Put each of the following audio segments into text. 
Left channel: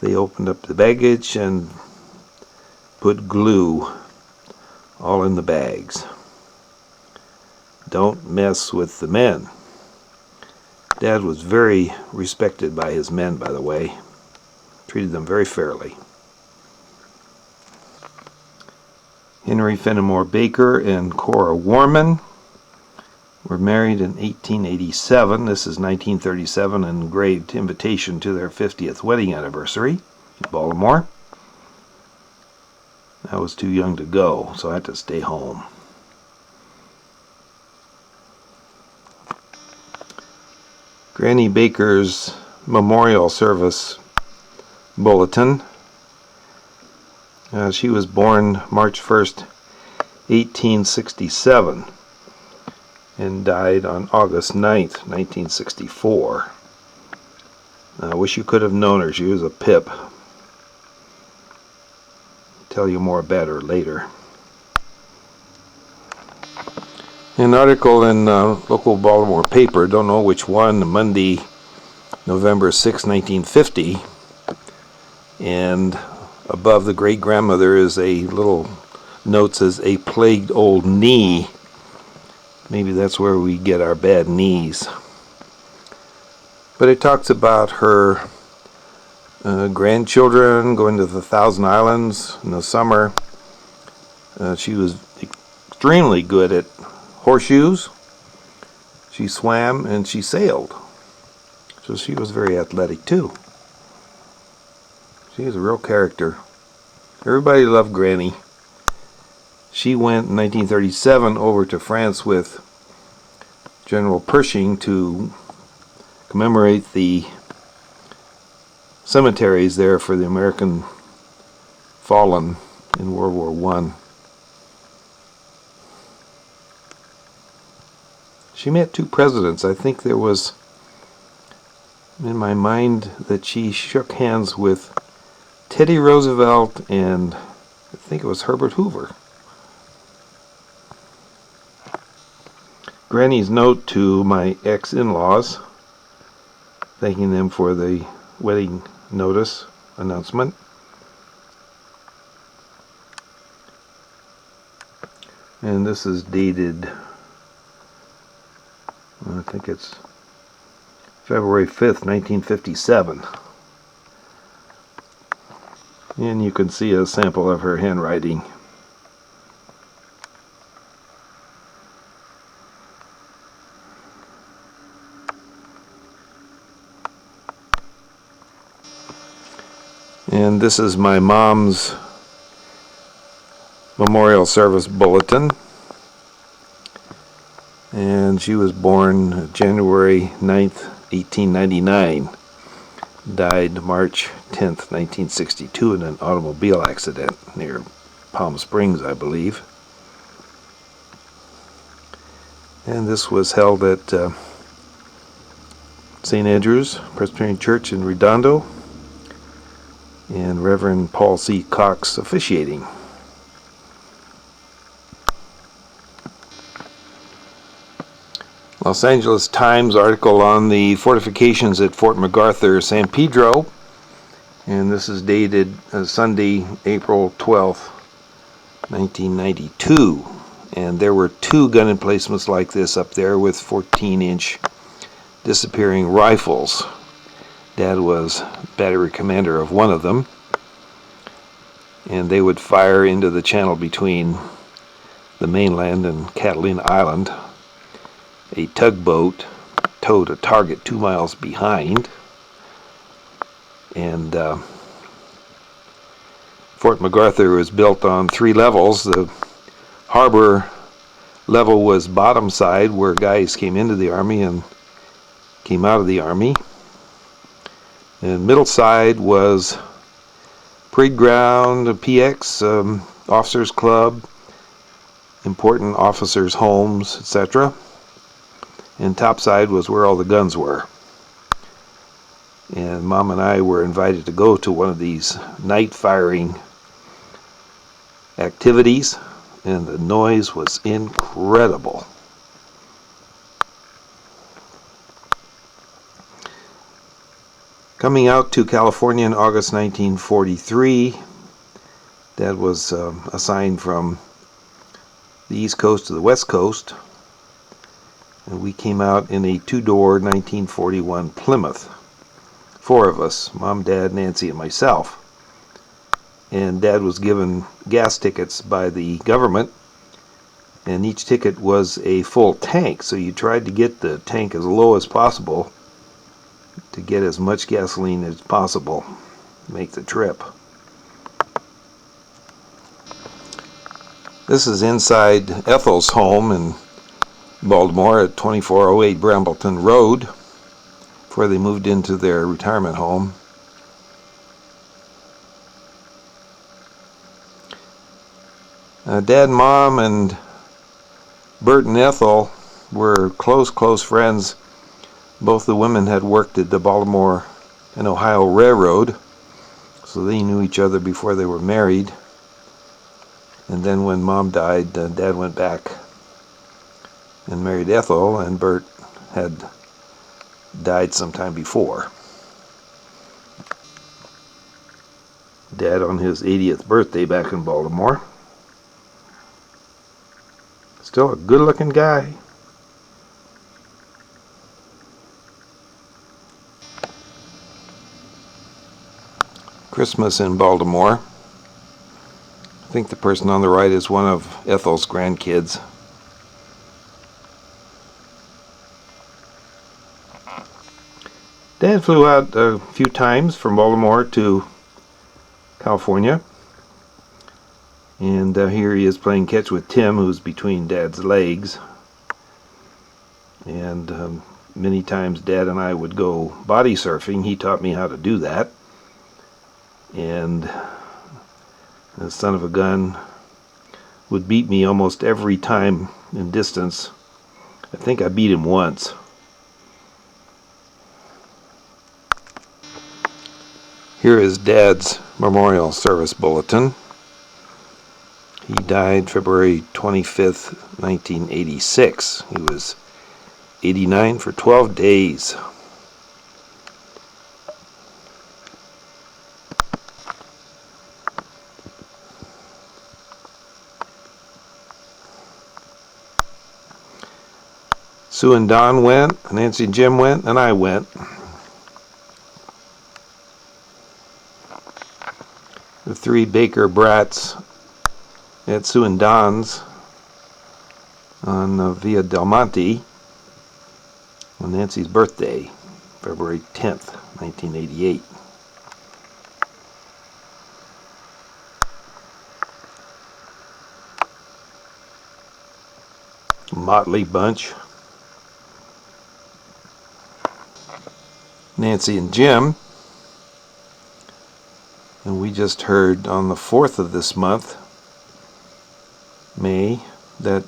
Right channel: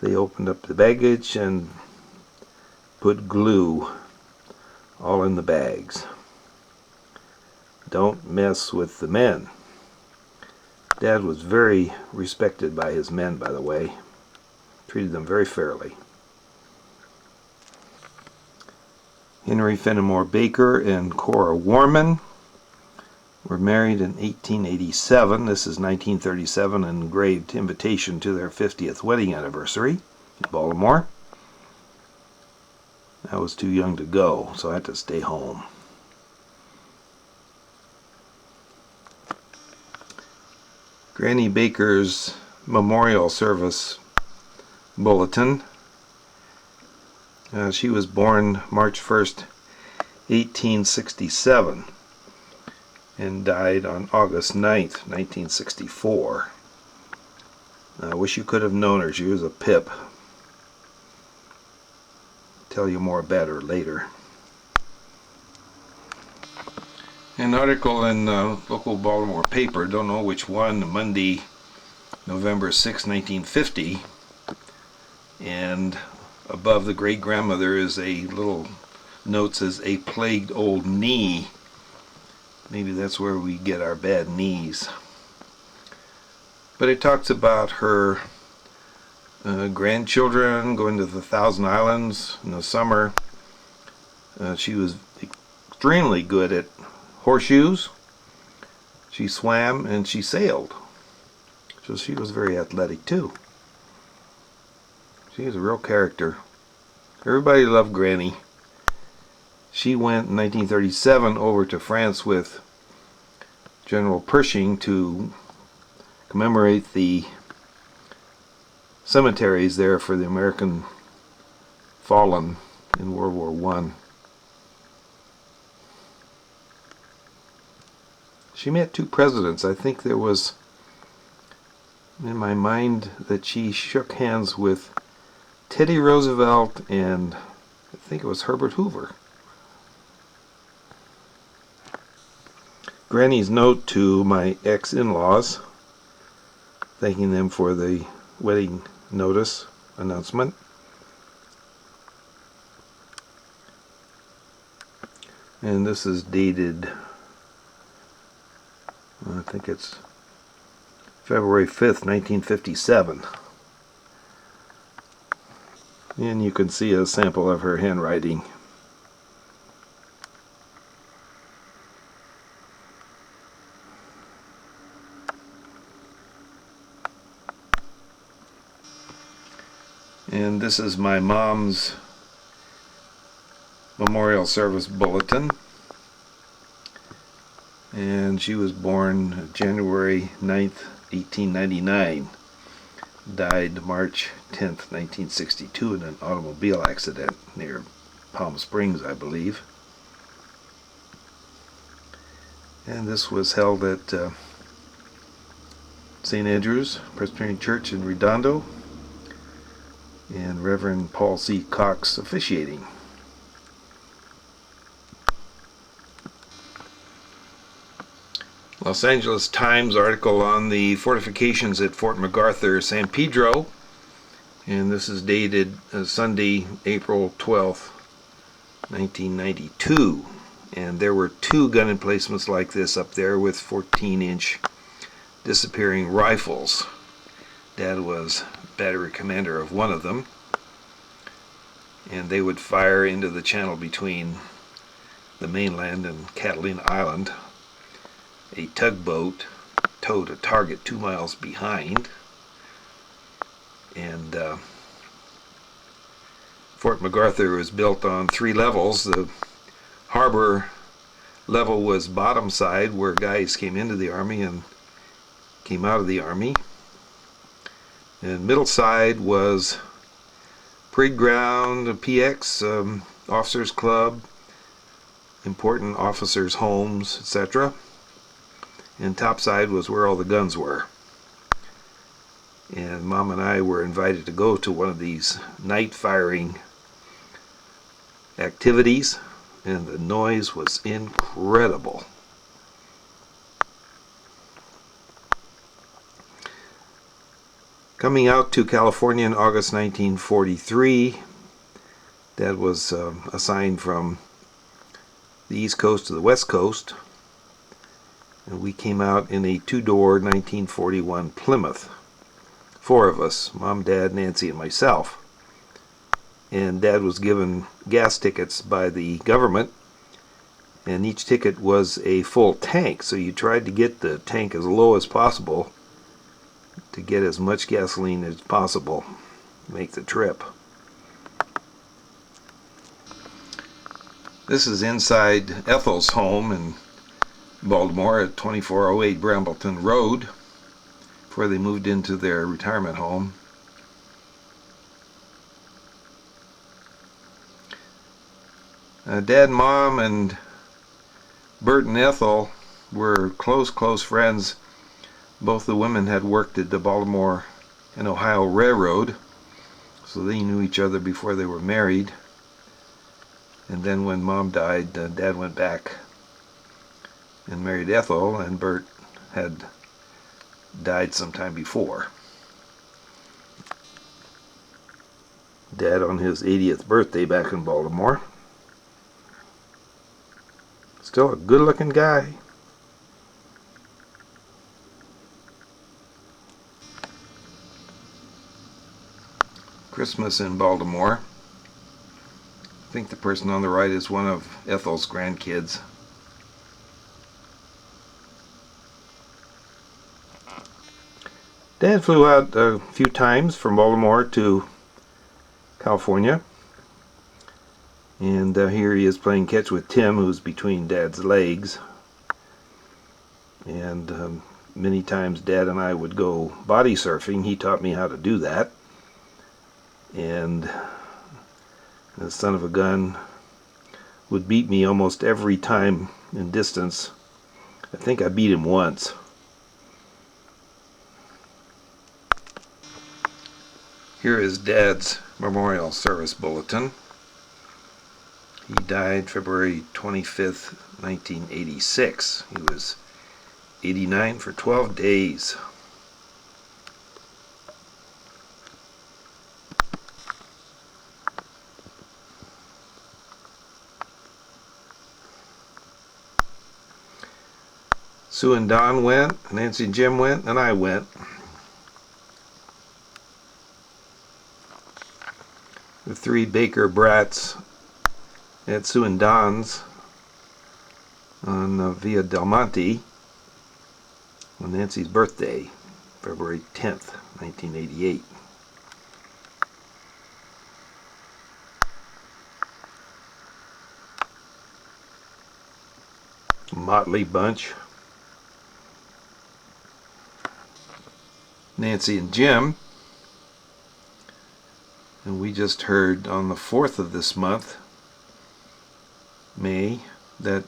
They opened up the baggage and put glue all in the bags. Don't mess with the men. Dad was very respected by his men, by the way. Treated them very fairly. Henry Fenimore Baker and Cora Warman were married in 1887. This is 1937, an engraved invitation to their 50th wedding anniversary in Baltimore. I was too young to go, so I had to stay home. Granny Baker's memorial service bulletin. She was born March 1st, 1867, and died on August 9th, 1964. I wish you could have known her. She was a pip. Tell you more about her later. An article in local Baltimore paper, don't know which one, Monday, November 6, 1950, and above the great-grandmother is a little note says, "A plagued old knee." Maybe that's where we get our bad knees. But it talks about her grandchildren going to the Thousand Islands in the summer. She was extremely good at horseshoes. She swam and she sailed. So she was very athletic too. She was a real character. Everybody loved Granny. She went in 1937 over to France with General Pershing to commemorate the cemeteries there for the American fallen in World War I. She met two presidents. I think there was in my mind that she shook hands with Teddy Roosevelt and I think it was Herbert Hoover. Granny's note to my ex-in-laws, thanking them for the wedding notice announcement. And this is dated, I think it's February 5th, 1957. And you can see a sample of her handwriting. And this is my mom's memorial service bulletin. And she was born January 9th, 1899. Died March 10th, 1962 in an automobile accident near Palm Springs, I believe. And this was held at St. Andrew's Presbyterian Church in Redondo, and Reverend Paul C. Cox officiating. Los Angeles Times article on the fortifications at Fort MacArthur, San Pedro, and this is dated Sunday, April 12th, 1992. And there were two gun emplacements like this up there with 14-inch disappearing rifles. Dad was battery commander of one of them, and they would fire into the channel between the mainland and Catalina Island. A tugboat towed a target 2 miles behind, and Fort MacArthur was built on 3 levels. The harbor level was bottom side, where guys came into the Army and came out of the Army. And middle side was parade ground, a PX, officers club, important officers' homes, etc. And top side was where all the guns were. And Mom and I were invited to go to one of these night firing activities, and the noise was incredible. Coming out to California in August 1943, Dad was assigned from the East Coast to the West Coast, and we came out in a two-door 1941 Plymouth. Four of us, Mom, Dad, Nancy, and myself. And Dad was given gas tickets by the government, and each ticket was a full tank, so you tried to get the tank as low as possible to get as much gasoline as possible to make the trip. This is inside Ethel's home in Baltimore at 2408 Brambleton Road, before they moved into their retirement home. Dad, Mom, and Bert and Ethel were close friends. Both the women had worked at the Baltimore and Ohio Railroad, so they knew each other before they were married. And then when Mom died, Dad went back and married Ethel, and Bert had died sometime before. Dad on his 80th birthday back in Baltimore. Still a good-looking guy. Christmas in Baltimore. I think the person on the right is one of Ethel's grandkids. Dad flew out a few times from Baltimore to California. And here he is playing catch with Tim, who's between Dad's legs. And many times Dad and I would go body surfing. He taught me how to do that. And the son of a gun would beat me almost every time in distance. I think I beat him once. Here is Dad's memorial service bulletin. He died February 25th, 1986. He was 89 for 12 days. Sue and Don went, Nancy and Jim went, and I went. The three Baker brats at Sue and Don's on Via Del Monte on Nancy's birthday, February 10th, 1988. Motley bunch. Nancy and Jim. And we just heard on the 4th of this month, May, that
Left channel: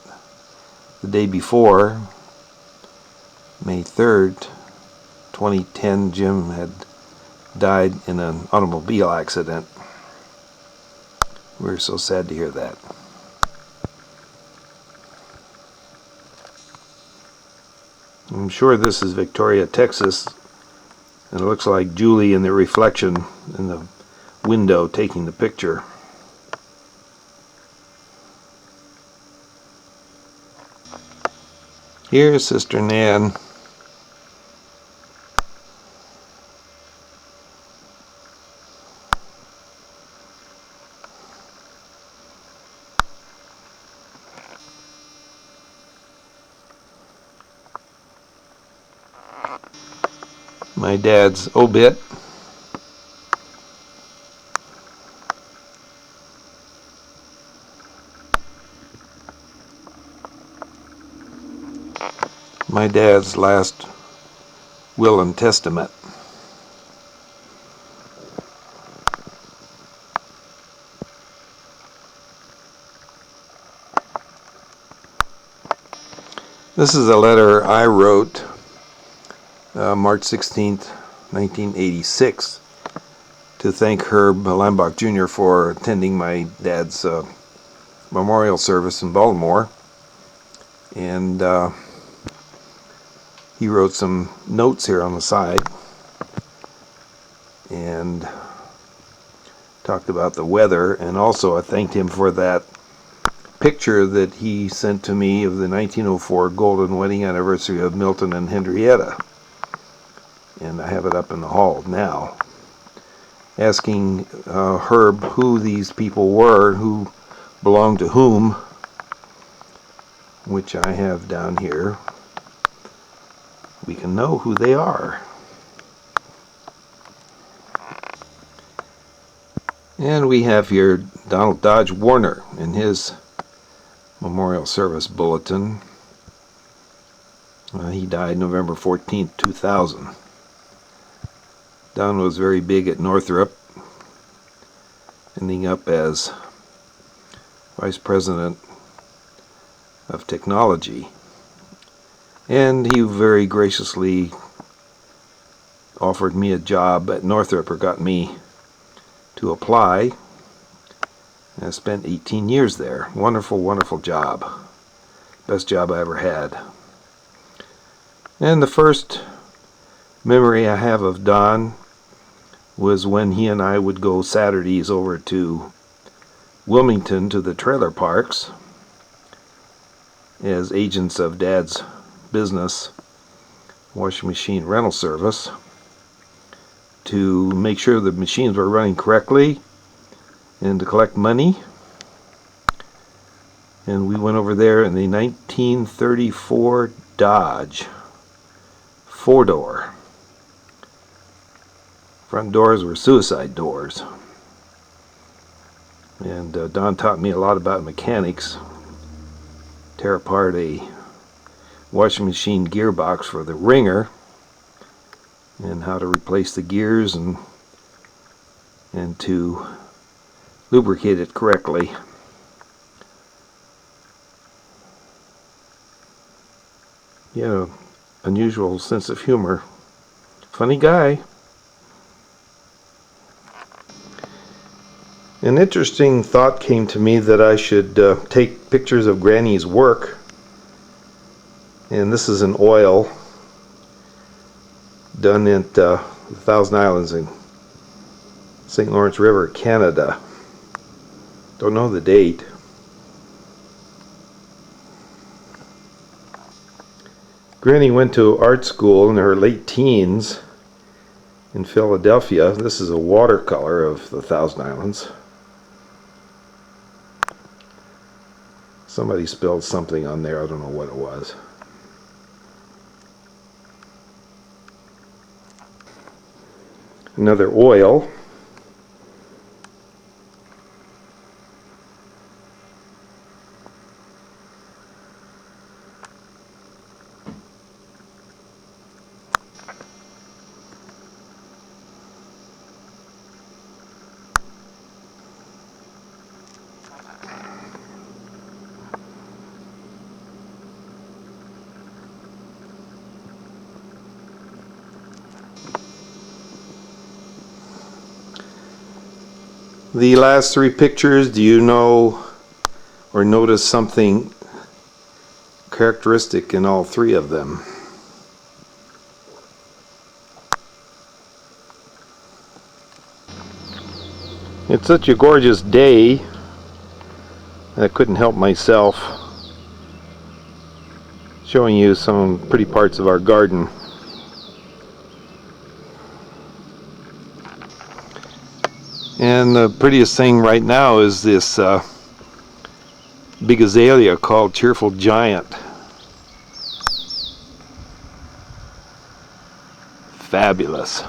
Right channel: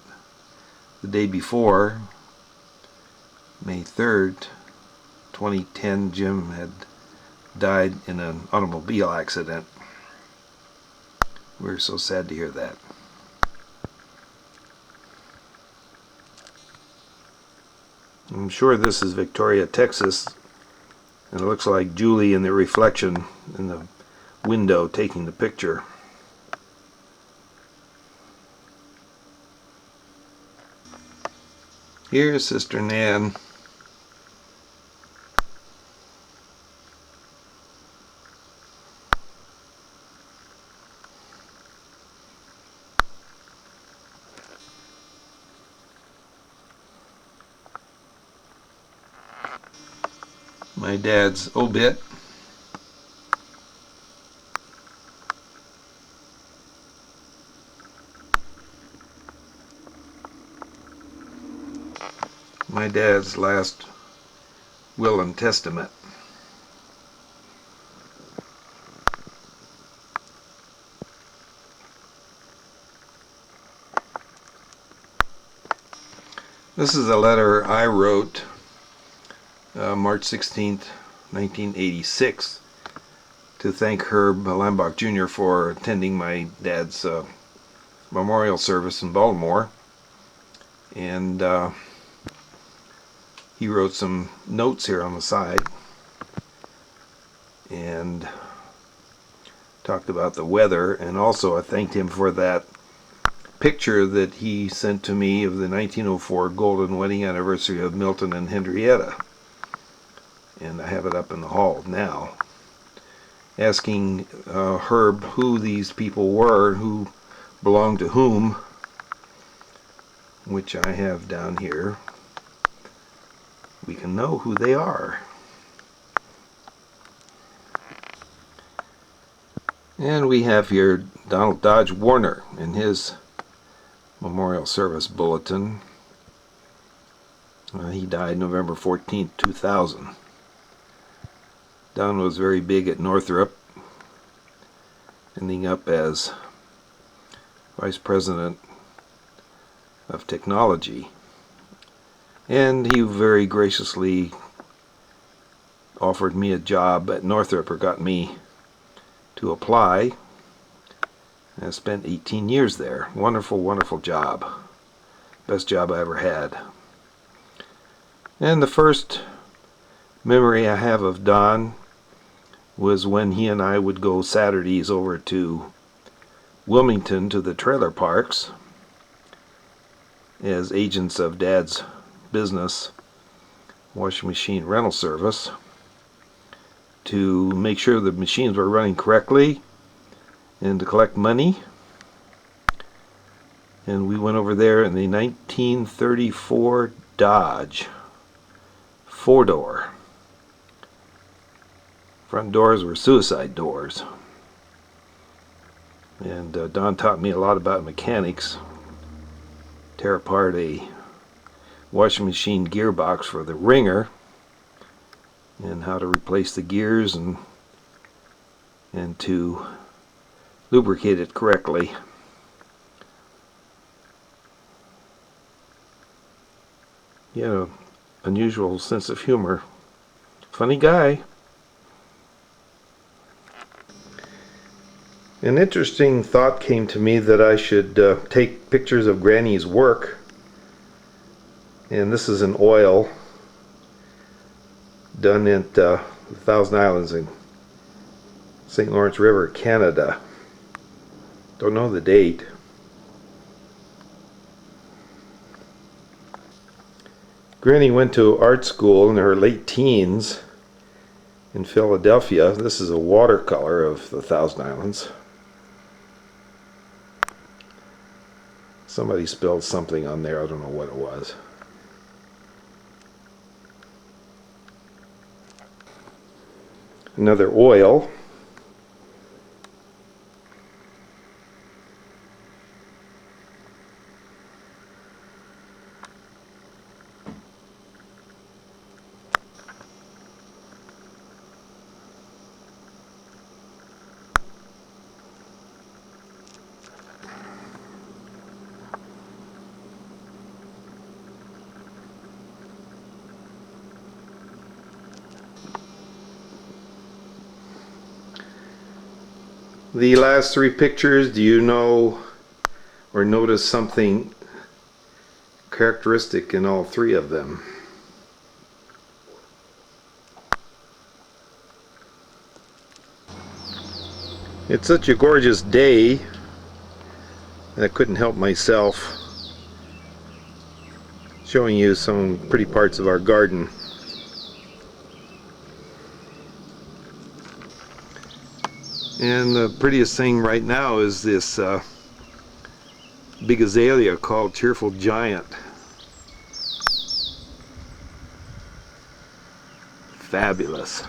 the day before, May 3rd, 2010, Jim had died in an automobile accident. We were so sad to hear that. I'm sure this is Victoria, Texas, and it looks like Julie in the reflection in the window taking the picture. Here's Sister Nan. My dad's obit. My dad's last will and testament. This is a letter I wrote March 16th, 1986, to thank Herb Lambach Jr. for attending my dad's memorial service in Baltimore. And he wrote some notes here on the side. and talked about the weather, and also I thanked him for that picture that he sent to me of the 1904 golden wedding anniversary of Milton and Henrietta, and I have it up in the hall now, asking Herb who these people were, who belonged to whom, which I have down here. We can know who they are. And we have here Donald Dodge Warner in his memorial service bulletin. He died November 14th, 2000. Don was very big at Northrop, ending up as Vice President of Technology. And he very graciously offered me a job at Northrop, or got me to apply. And I spent 18 years there. Wonderful, wonderful job. Best job I ever had. And the first memory I have of Don was when he and I would go Saturdays over to Wilmington to the trailer parks as agents of Dad's business, washing machine rental service, to make sure the machines were running correctly and to collect money. And we went over there in the 1934 Dodge 4-door. Front doors were suicide doors. And Don taught me a lot about mechanics. Tear apart a washing machine gearbox for the wringer, and how to replace the gears and to lubricate it correctly. He had an unusual sense of humor. Funny guy. An interesting thought came to me that I should take pictures of Granny's work. And this is an oil done at the Thousand Islands in St. Lawrence River, Canada. Don't know the date. Granny went to art school in her late teens in Philadelphia. This is a watercolor of the Thousand Islands. Somebody spilled something on there. I don't know what it was. Another oil. The last three pictures, do you know or notice something characteristic in all three of them? It's such a gorgeous day, I couldn't help myself showing you some pretty parts of our garden. And the prettiest thing right now is this big azalea called Cheerful Giant. Fabulous.